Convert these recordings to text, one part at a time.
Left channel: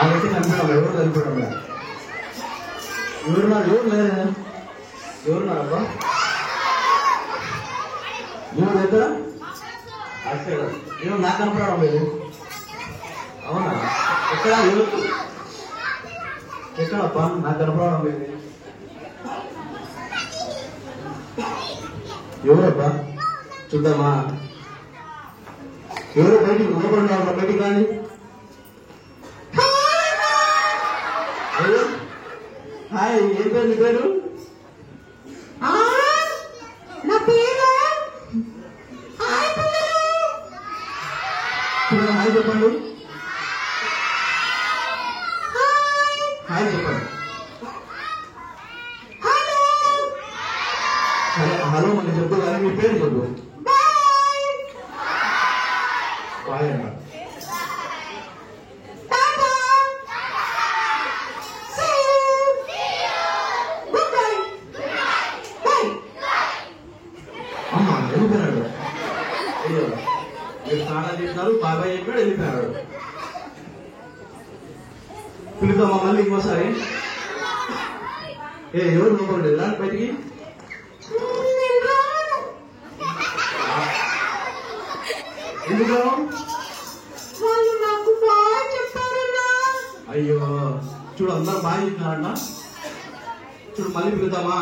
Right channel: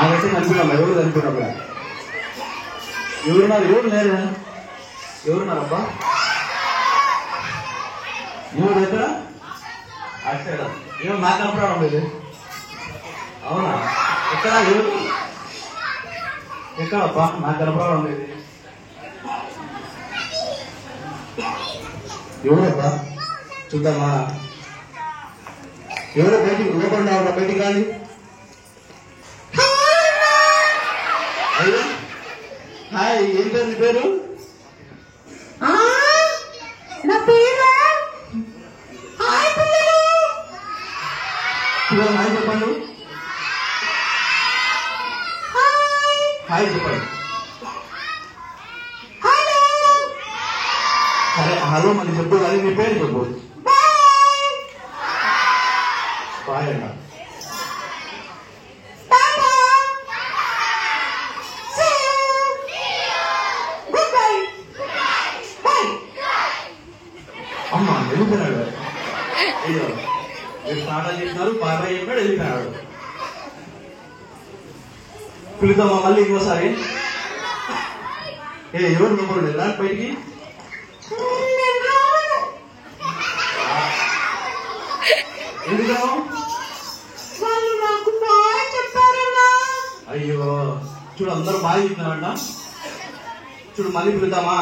ఆమెతే కనిపించాము. ఎవరు కనిపించాము? ఎవరున్నారు? ఎవరు లేరు? ఎవరున్నారబ్బా? ఎవరు ఎక్కడ? అక్కడ ఏమో నాకు కనపడడం లేదు. అవునా? ఎక్కడ? ఎవరు? ఎక్కడబ్బా? నాకు కనపడడం లేదు. ఎవరబ్బా? చూద్దామా? ఎవరో బయటికి లోపడున్నారా? బయటికి రాని. హాయ్, ఏం పేరు? నీ పేరు? హాయ్ చెప్పండి. హాయ్ చెప్పండి. సరే హలో అని చెప్పు, కానీ మీ పేరు చెప్పు. బాయ్ అన్న. అమ్మా వెళ్ళిపోయాడు. అయ్యో మీరు బాగా చేసినారు, బాగా చెప్పాడు, వెళ్ళిపోయాడు. పిలుద్దామా మళ్ళీ ఇంకోసారి? ఎవరు నవ్వండి రా బయటికి. ఎందుకు రావు? అయ్యో చూడు, అందరూ బాగా చెప్తున్నారంట. చూడు మళ్ళీ పిలుద్దామా?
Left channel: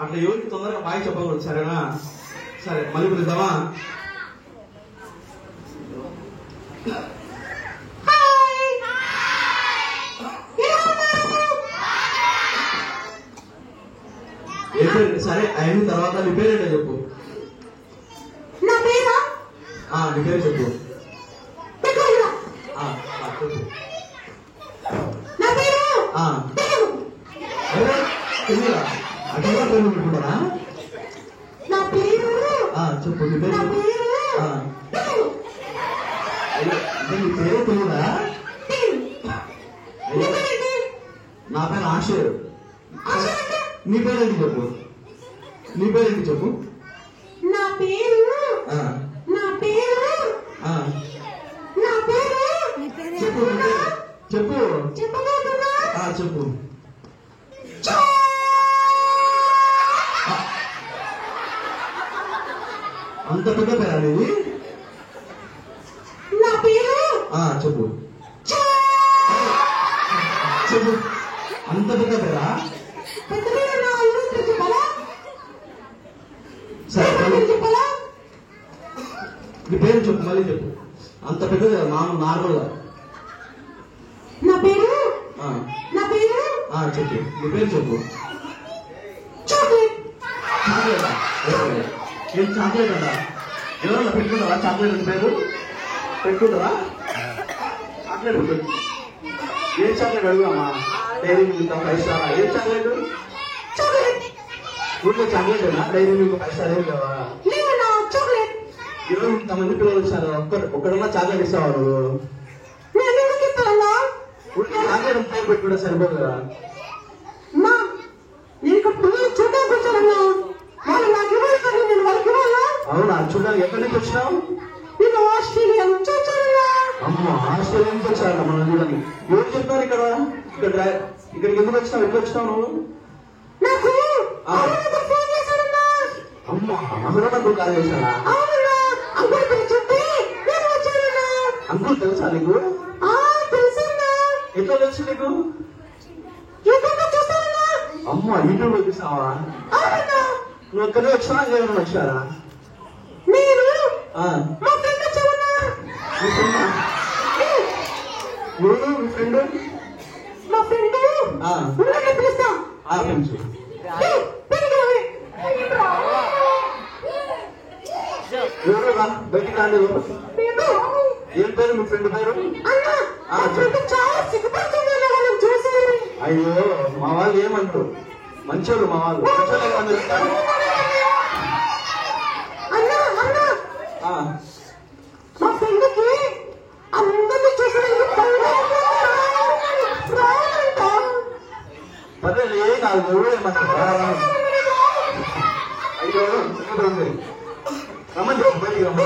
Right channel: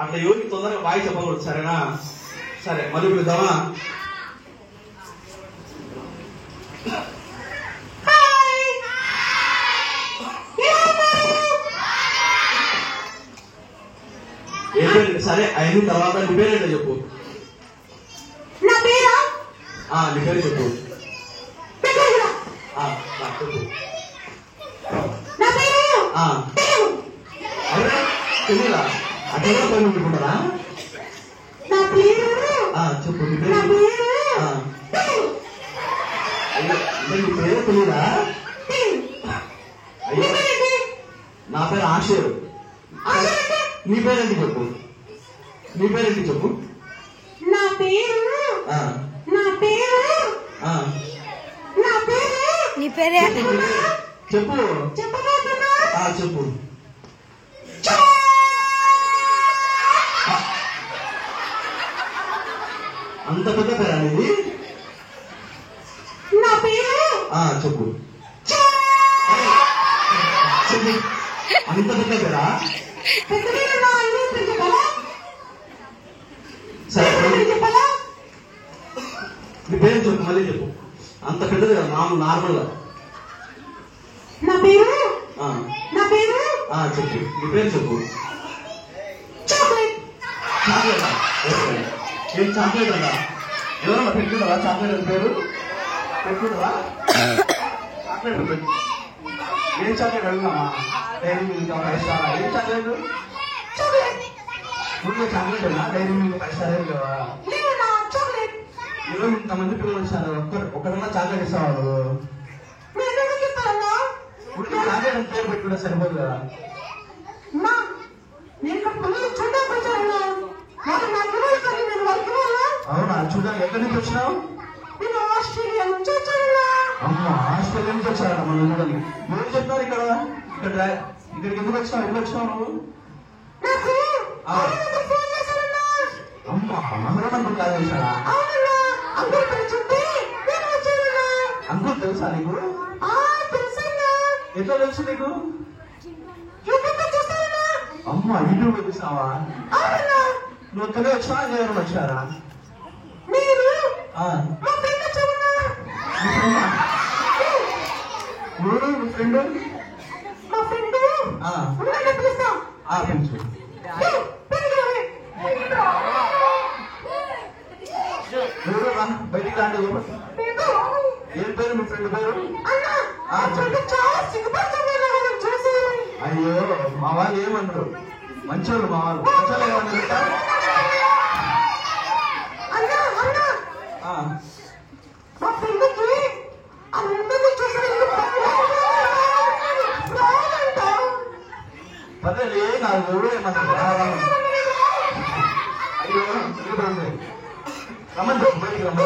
అట్లా ఎవరికి తొందరగా బాగా చెప్పకూడదు, సరేనా? సరే మళ్ళీ పిలుద్దామా? సరే అయిన తర్వాత నీ పేరేంటో చెప్పు. నీ పేరు చెప్పు. చెప్పురా అట్లా పేరు పెట్టుకుంటారా? చెప్పు నీ పేరు. నీ పేరే తెలియదా? అయ్యో నా పేరు ఆశీర్. నీ పేరేంటి చెప్పు. నీ పేరేంటి చెప్పు. నా పేరు నీ పేరే చెప్పు. చెప్పు. అంత పెద్ద పేరా నీది? నా పేరు చెప్పు. చెప్పు. అంత పెద్ద పేరా? నీ పేరు చెప్పు, మళ్ళీ చెప్పు. అంత పెద్దది కదా మామూలు నార్మల్గా. నా పేరు చెప్పు. నీ పేరు చెప్పు. చాక్లెట్. చాక్లెటా? నేను చాక్లెట్ అంటా. ఎవరన్నా పెట్టుకుంటారా చాక్లెట్ పేరు? పెట్టుకుంటారా? చాక్లెట్ పెట్టు. ఏం చాక్లెట్ అడుగుదామా? Dairy milk, 5 star? ఏం చాక్లెట్? ఊళ్ళో చాక్లెట్ డైరీ మిల్క్ 5 స్టార్ ఏం కదా? ఎవరు ఇంతమంది పిల్లలు ఇస్తారు, ఒక్కడన్నా చాక్లెట్ ఇస్తావాడు? చాక్లెట్ పేరు పెట్టుకుంటే సరిపోదు కదా? అవునా? చూడాలి. ఎక్కడి నుంచి వచ్చినావు? అమ్మా ఆస్ట్రేలియా నుంచి వచ్చారు. చూడండి ఎవరు చెప్తారు ఇక్కడ. ఇక్కడికి ఎందుకు వచ్చినావు? ఎప్పుడు వచ్చినావు నువ్వు? అమ్మా మధురంగా కాల్ చేశాడా? అంకుల్ తెలుసా నీకు? ఎట్లా తెలుసు నీకు? అమ్మా యూట్యూబ్ చూసావా? నువ్వు ఒక్కడే వచ్చినా ఎవరైనా వచ్చారా? ఎవరు మీ ఫ్రెండ్? ఎవరు బయటికి రాండి. ఏం పేరు మీ ఫ్రెండ్ పేరు? అయ్యో మా వాళ్ళు ఏమంటారు? మంచోళ్ళు మా వాళ్ళు. మంచోళ్ళు ఏమన్నారు? పర్లేదు ఏ కాదు. అయ్యో రమ్మని చెప్పు, బయటికి రమ్మ.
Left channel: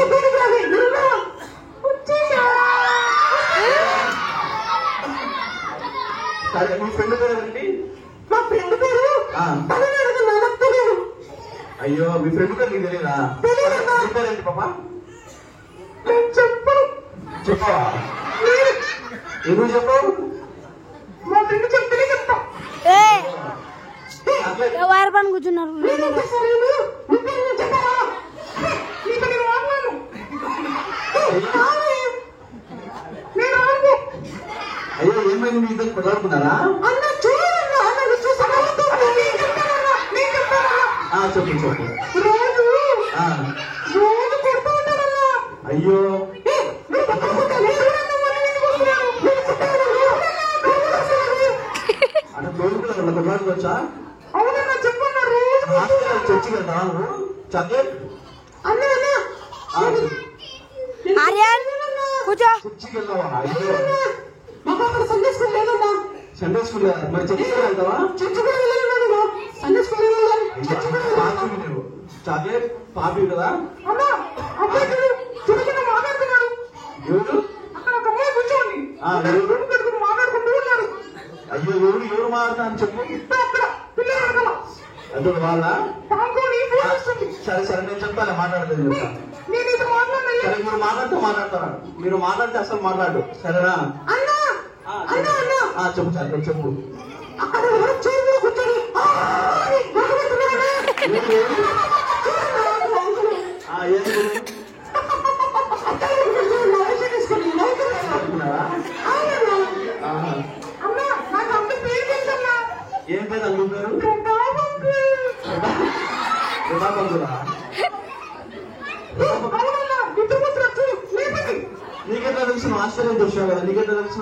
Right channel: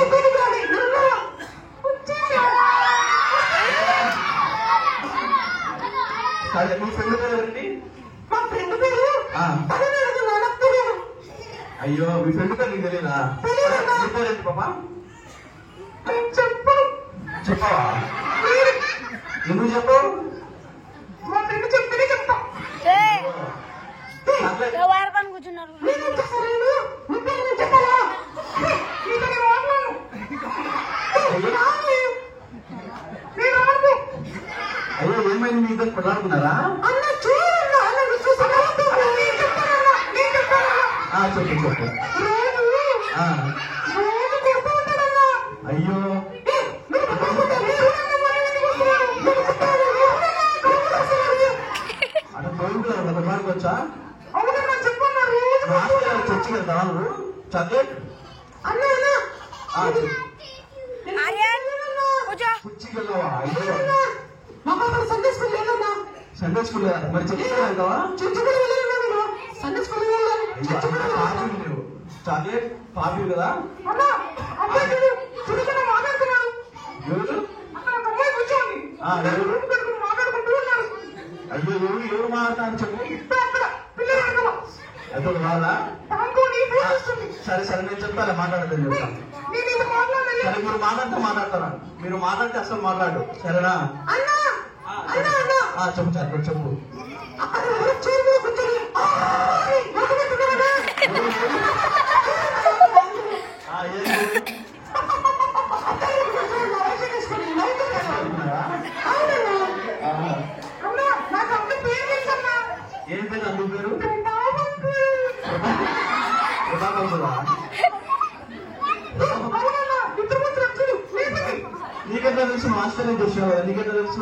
మీ ఫ్రెండ్ పేరు ఏంటి? మా ఫ్రెండ్ పేరు అయ్యో మీ ఫ్రెండ్ పేరు నీకు తెలియదా? నీ పేరేంటి పాప? చెప్పవా? ఎందుకు చెప్పు? మా ఫ్రెండ్ చెప్తేనే చెప్తా. వారు పని కూర్చున్నారు. అయ్యో ఏమైంది మీ ఇద్దరు కుదరకున్నారా? చెప్పు చెప్పు. అయ్యో అంటే తోడుకున్నారు కుదరకు వచ్చా? చర్చి వెళ్తాను చదివే చర్చికి వెళ్తావా? అయ్యో సండే స్కూల్ మరి చర్చికి వెళ్తావా? లేవు చాక్లెట్ పాపి కదా? అయ్యో ఎవరు మాట్లాడతాను చెప్పు. అది వాళ్ళ సరే సరే నేను చెప్తాను మాట్లాడతాను. సరే మీరు మాట్లాడితే మాట్లాడతారా? మీరు మాట్లాడితే అసలు మాట్లాడు సరేనా? చెప్పు సార్ చెప్పు. ఏం పేరు అడుగుతారు? నీకెట్లా తెలుసు? ఆస్ట్రేలియా చూసావు కదా, నీకెట్లా తెలుసు?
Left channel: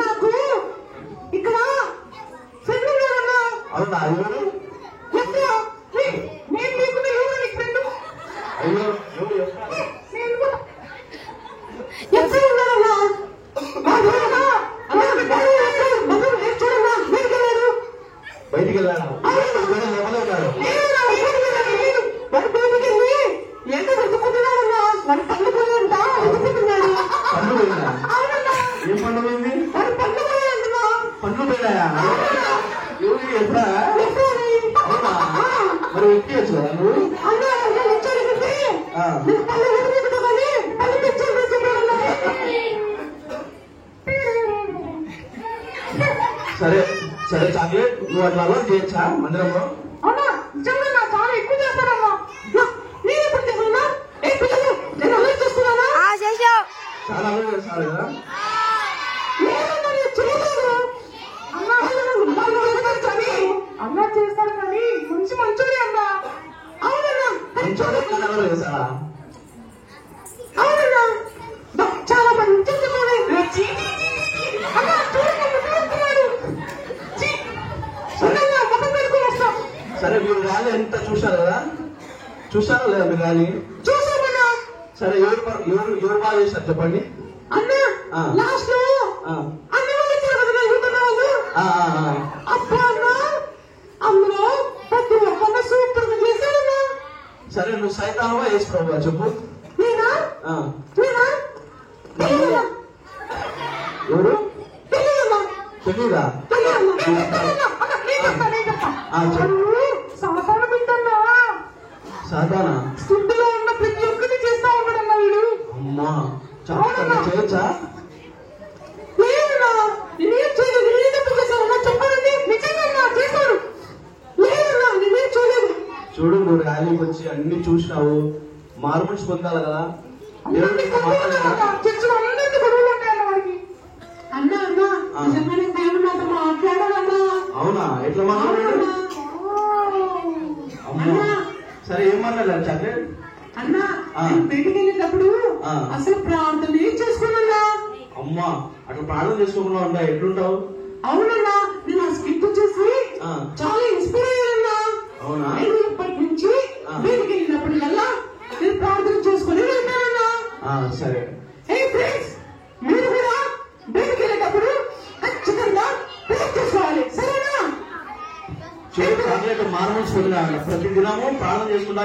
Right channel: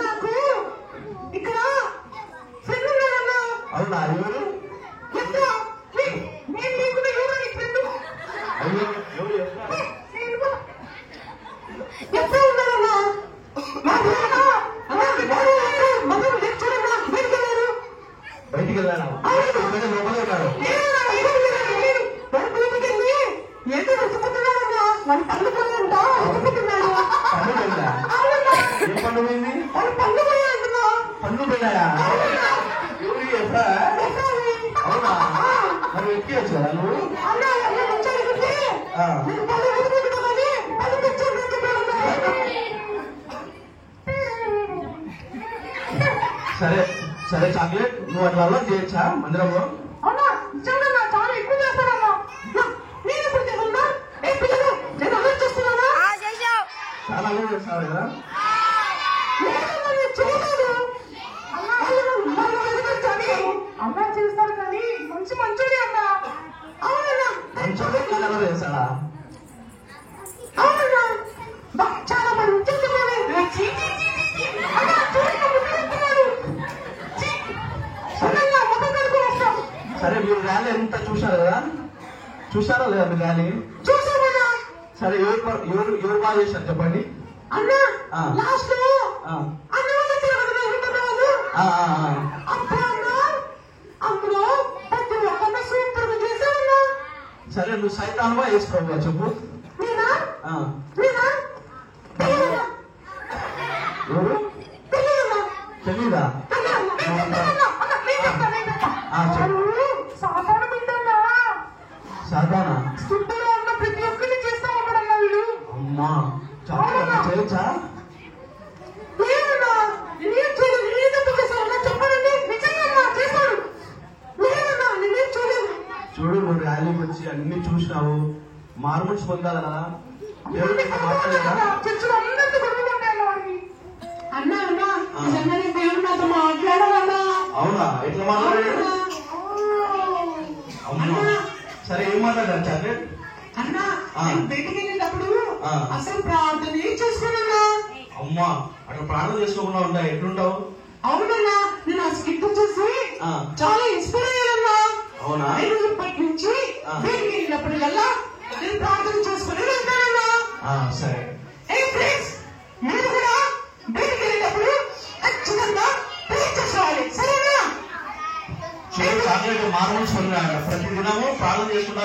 నాకు ఇక్కడ అవునా? అయ్యో బయటికి వెళ్ళాలా? లోపలే కాదు పండు వెళ్ళా. ఏం పండు పోయింది? పండు పోయినాయా? ఎవరికి ఎప్పుడా? అవునా? మరి ఎక్కి వచ్చు కదా నువ్వు? సరే సరే చాక్లెట్ నువ్వు అట్లా అలవాటు చేయొచ్చా మందిరంలో? చాలా అలవాటు చేస్తారు కదా? అన్నా చేస్తాను కానీ మంచి మంచోడే అన్నా. అవునన్నా మంచి అలవాటు చేస్తారా? అవునన్నా చాలా మంచి సరే మీరు ర్యాలీ ఎంత చూశారు కదా? చూశారా లేదా మీరు ర్యాలీ? సరే ఎవరు బాగా చేశారు చెప్పండి. సరే నువ్వు సైతానువా వేసుకోవా చెప్పు. ఎవరు తెలీదా? సాధారణ ప్రతి ఒక్కరిని చేస్తా ఉంటాడన్నా వీడు. అమ్మా చేయొచ్చా? చూడు నువ్వు ర్యాలీకి వచ్చి అన్ని చూసినావు, మార్పులు పొందాలి కదా? అవునా? ఎట్లా మాట్లాడాడు? అమ్మా సరే ఏం మాట్లాడారు చాక్లెట్? అన్నా బయటికి వెళ్ళినప్పుడు అసలు ప్రార్థన చేసుకున్నా. అమ్మా అట్లా ప్రార్థన చేసుకోకుండా ఉంటా ఎట్లుంటావు? అవునన్నా నేను ఆ స్కిట్ చూసి చాలా ఇన్స్పైర్ అయ్యా. అవునా? ఇప్పటి నుంచి బయటికి వెళ్ళినప్పుడు కల్లా నేను ప్రార్థన చేసుకుని వెళ్తానన్నా. సరే మీరు కూడా బయటికి వెళ్ళినప్పుడు ఖచ్చితంగా ప్రేర్ చేసుకోవాలి సరేనా? చూడు చాక్లెట్ మార్మల్స్ ప్రతి దినము ప్రార్థన చేసుకుంటా.